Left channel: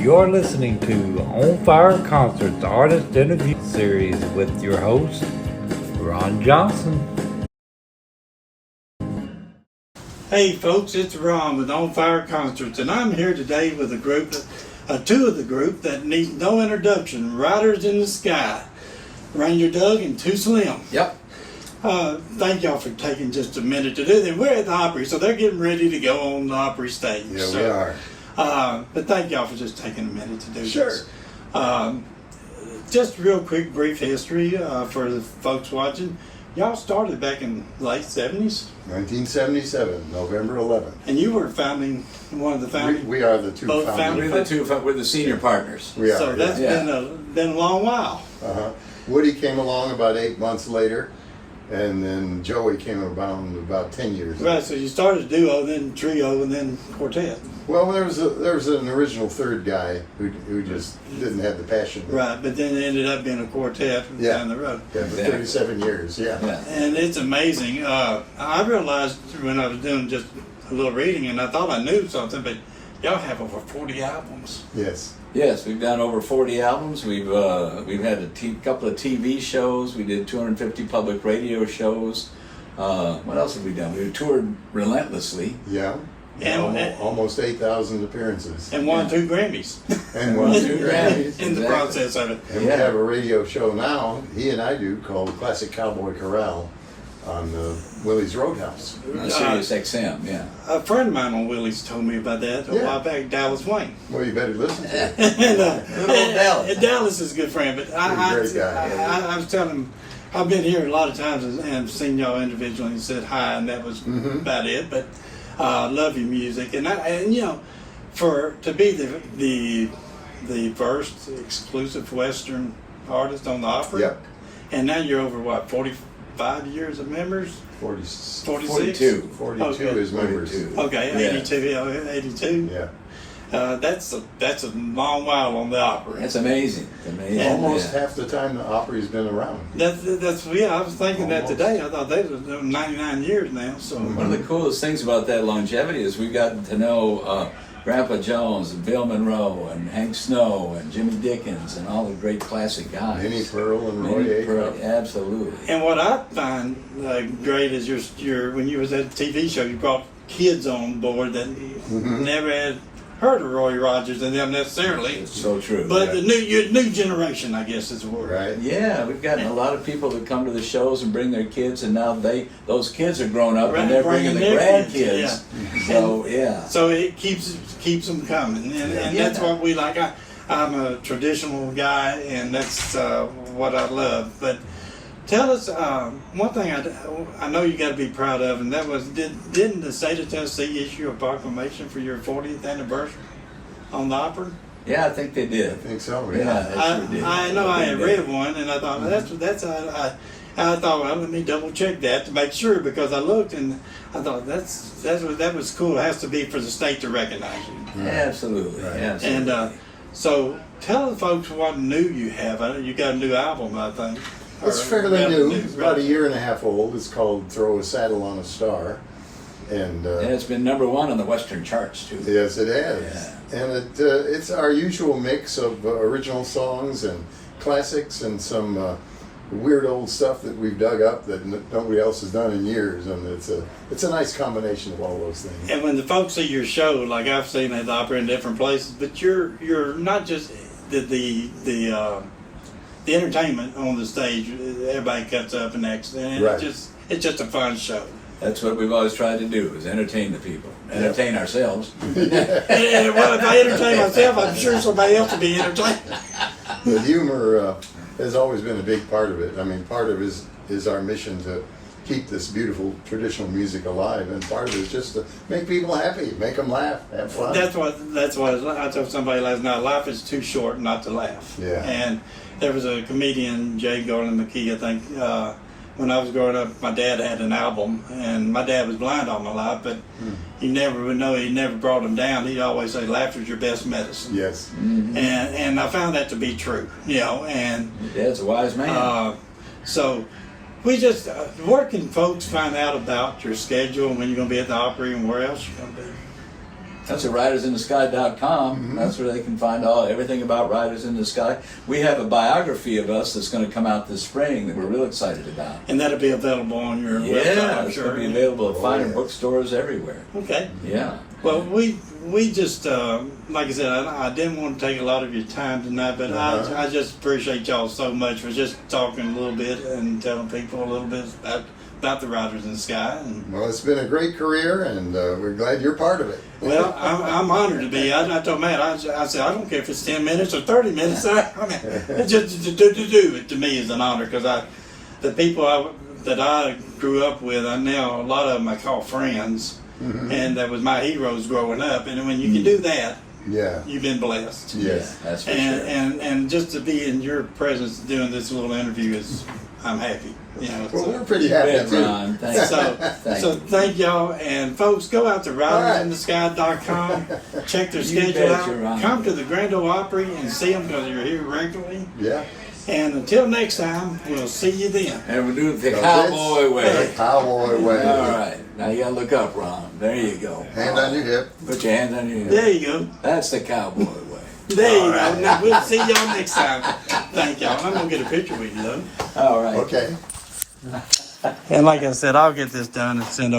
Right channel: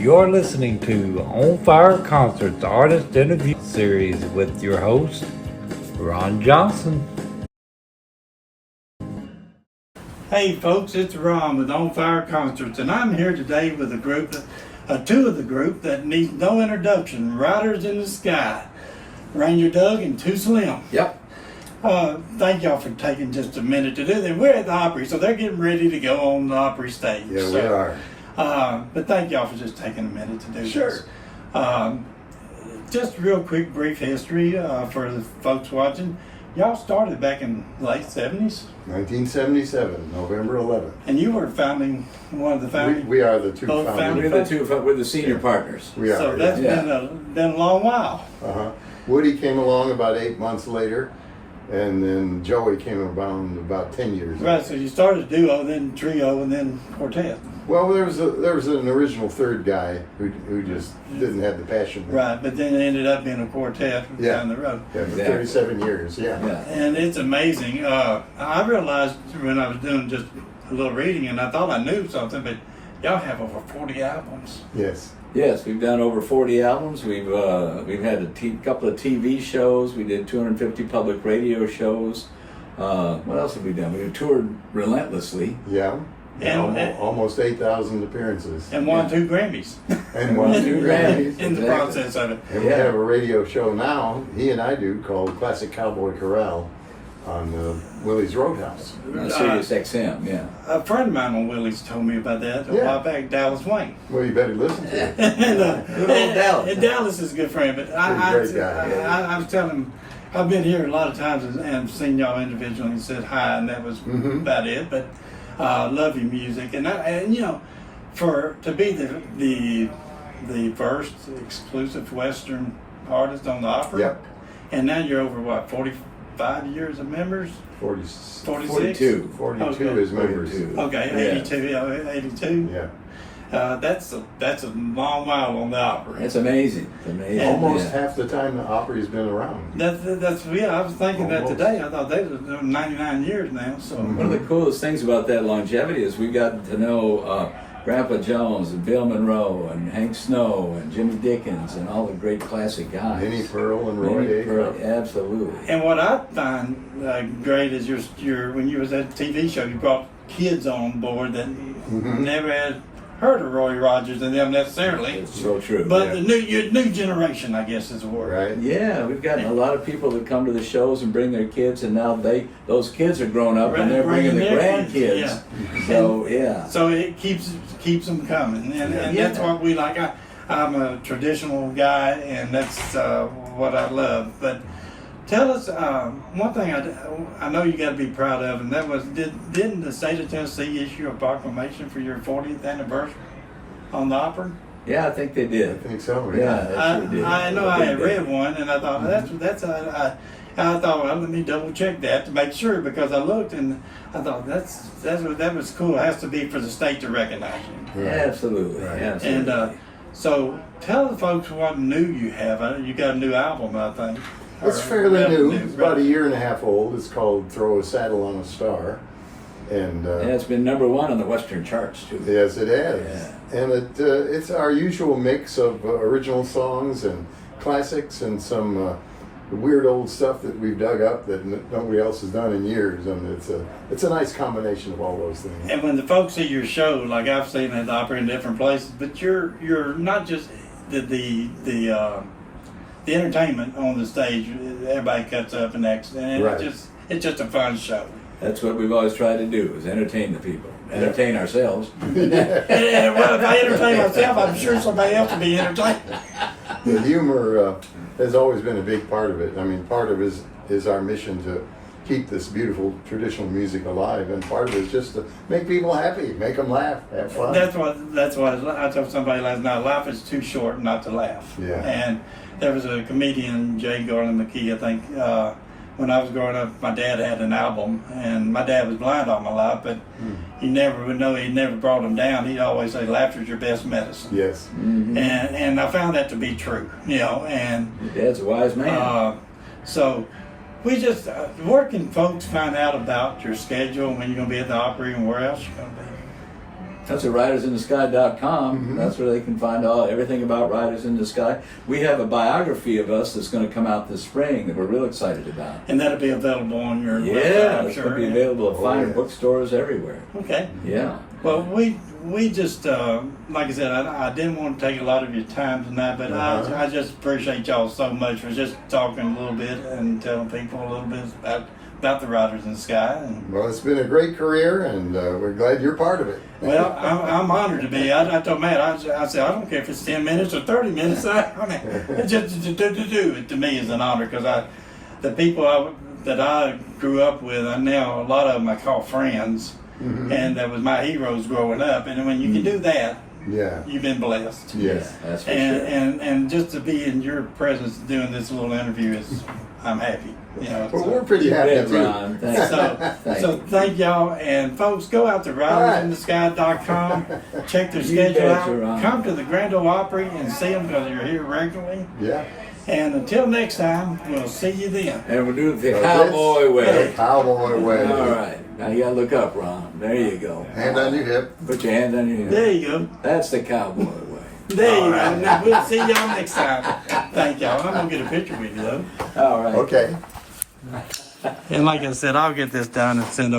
You're listening to On Fire Concerts Artist Interview Series with your host, Ron Johnson. Hey folks, it's Ron with On Fire Concerts, and I'm here today with a group, two of the group that needs no introduction, Riders in the Sky, Ranger Doug and Too Slim. Yep. Thank y'all for taking just a minute to do that. We're at the Opry, so they're getting ready to go on the Opry stage. Yeah, so, we are. But thank y'all for just taking a minute to do Sure. this. Just real quick, brief history for the folks watching. Y'all started back in late 70s? 1977, November 11th. And you were one of the founding. We are the two both founders. We're the senior partners. We are. So that's yeah. been a long while. Woody came along about 8 months later, and then Joey came about 10 years. Right. So you started duo, then trio, and then quartet. Well, there was an original third guy who just didn't have the passion. Right, but then it ended up being a quartet down the road. Yeah, for 37 years. Yeah. And it's amazing. I realized when I was doing just a little reading, and I thought I knew something, but y'all have over 40 albums. Yes. Yes, we've done over 40 albums. We've had a couple of TV shows. We did 250 public radio shows. What else have we done? We toured relentlessly. Yeah. And almost 8,000 appearances. And won 2 Grammys. And won 2 Grammys. In the process of it. And we have a radio show now, he and I do, called Classic Cowboy Corral on Willie's Roadhouse. Sirius XM, yeah. A friend of mine on Willie's told me about that a while back, Dallas Wayne. Well, you better listen to it. Good old Dallas. And Dallas is a good friend, but I was telling him, I've been here a lot of times and seen y'all individually and said hi, and that was about it. But love your music, and you know, to be the first exclusive Western artist on the Opry. Yep. And now you're over what, 45 years of members? 46. 42. 42 is members. Okay, 82. Yeah. That's a long while on the Opry. It's amazing. Almost half the time the Opry's been around. That's I was thinking that today. I thought they were doing 99 years now. So one of the coolest things about that longevity is we got to know Grandpa Jones and Bill Monroe and Hank Snow and Jimmy Dickens and all the great classic guys. Minnie Pearl and Roy Acuff. Absolutely. And what I find great is your when you was at the TV show, you brought kids on board that never had heard of Roy Rogers and them necessarily. It's so true. But the new generation, I guess, is the word. Right. Yeah, we've gotten a lot of people that come to the shows and bring their kids, and now those kids are grown up and they're bringing the grandkids. Yeah. So it keeps them coming, and that's what we like. I'm a traditional guy, and that's what I love. But tell us one thing I know you got to be proud of, and that was didn't the state of Tennessee issue a proclamation for your 40th anniversary on the Opry? Yeah, I think they did. I think so. Yeah, I know I had read one, and I thought I thought, well, let me double check that to make sure, because I looked and I thought that was cool. It has to be for the state to recognize you. Right. Absolutely. Right. Absolutely. And so tell the folks what new you have. You got a new album, I think. It's fairly new. It's about a year and a half old. It's called Throw a Saddle on a Star. And it's been #1 on the Western charts, too. Yes, it has. Yeah. And it's our usual mix of original songs and classics and some weird old stuff that we've dug up that nobody else has done in years. And it's a nice combination of all those things. And when the folks see your show, like I've seen at the Opera in different places, but you're not just the entertainment on the stage. Everybody cuts up and acts, and it's just a fun show. That's what we've always tried to do, is entertain the people. Entertain ourselves. and well, if I entertain myself, I'm sure somebody else will be entertained. The humor has always been a big part of it. I mean, part of it is our mission to keep this beautiful traditional music alive, and part of it is just to make people happy, make them laugh, have fun. That's what I told somebody last night. Life is too short not to laugh. Yeah. And there was a comedian, Jay Garland McKee, I think. When I was growing up, my dad had an album, and my dad was blind all my life, but you never would know. He never brought him down. He'd always say, "Laughter's your best medicine." Yes. Mm-hmm. And I found that to be true. And Your dad's a wise man. So we just where can folks find out about your schedule and when you're going to be at the Opry and where else you're going to be? That's at ridersinthesky.com. Mm-hmm. That's where they can find everything about Riders in the Sky. We have a biography of us that's going to come out this spring that we're real excited about. And that'll be available on your website, Yeah, I'm it's sure. going to be available at fine yes. bookstores everywhere. Okay. Yeah. Well, we just, like I said, I didn't want to take a lot of your time tonight, but I just appreciate y'all so much for just talking a little bit and telling people a little bit about the Riders in the Sky. And, Well, it's been a great career, and we're glad you're part of it. well, I'm honored to be. I told Matt, I said, I don't care if it's 10 minutes or 30 minutes. I mean, it's just to do it to me is an honor because the people that I grew up with, a lot of them I call friends. Mm-hmm. And that was my heroes growing up. And when you can do that, Yeah. you've been blessed. Yes. That's for And, sure. and just to be in your presence doing this little interview I'm happy. Well, we're pretty happy Yeah, too. Ron, thanks. So thank y'all, and folks, go out to ridersinthesky.com, check their schedule out, betcha, Ron. come to the Grand Ole Opry and see them because you're here regularly. Yeah. And until next time, we'll see you then. And we'll do it the That's cowboy it. way. Cowboy way. All right. Now you got to look up, Ron. There you go. Hand on your hip. Put your hand on your hip. There you go. That's the cowboy way. There you go. Now we'll see y'all next time. Thank y'all. I'm gonna get a picture with you though. All right. Okay. And like I said, I'll get this done and send over.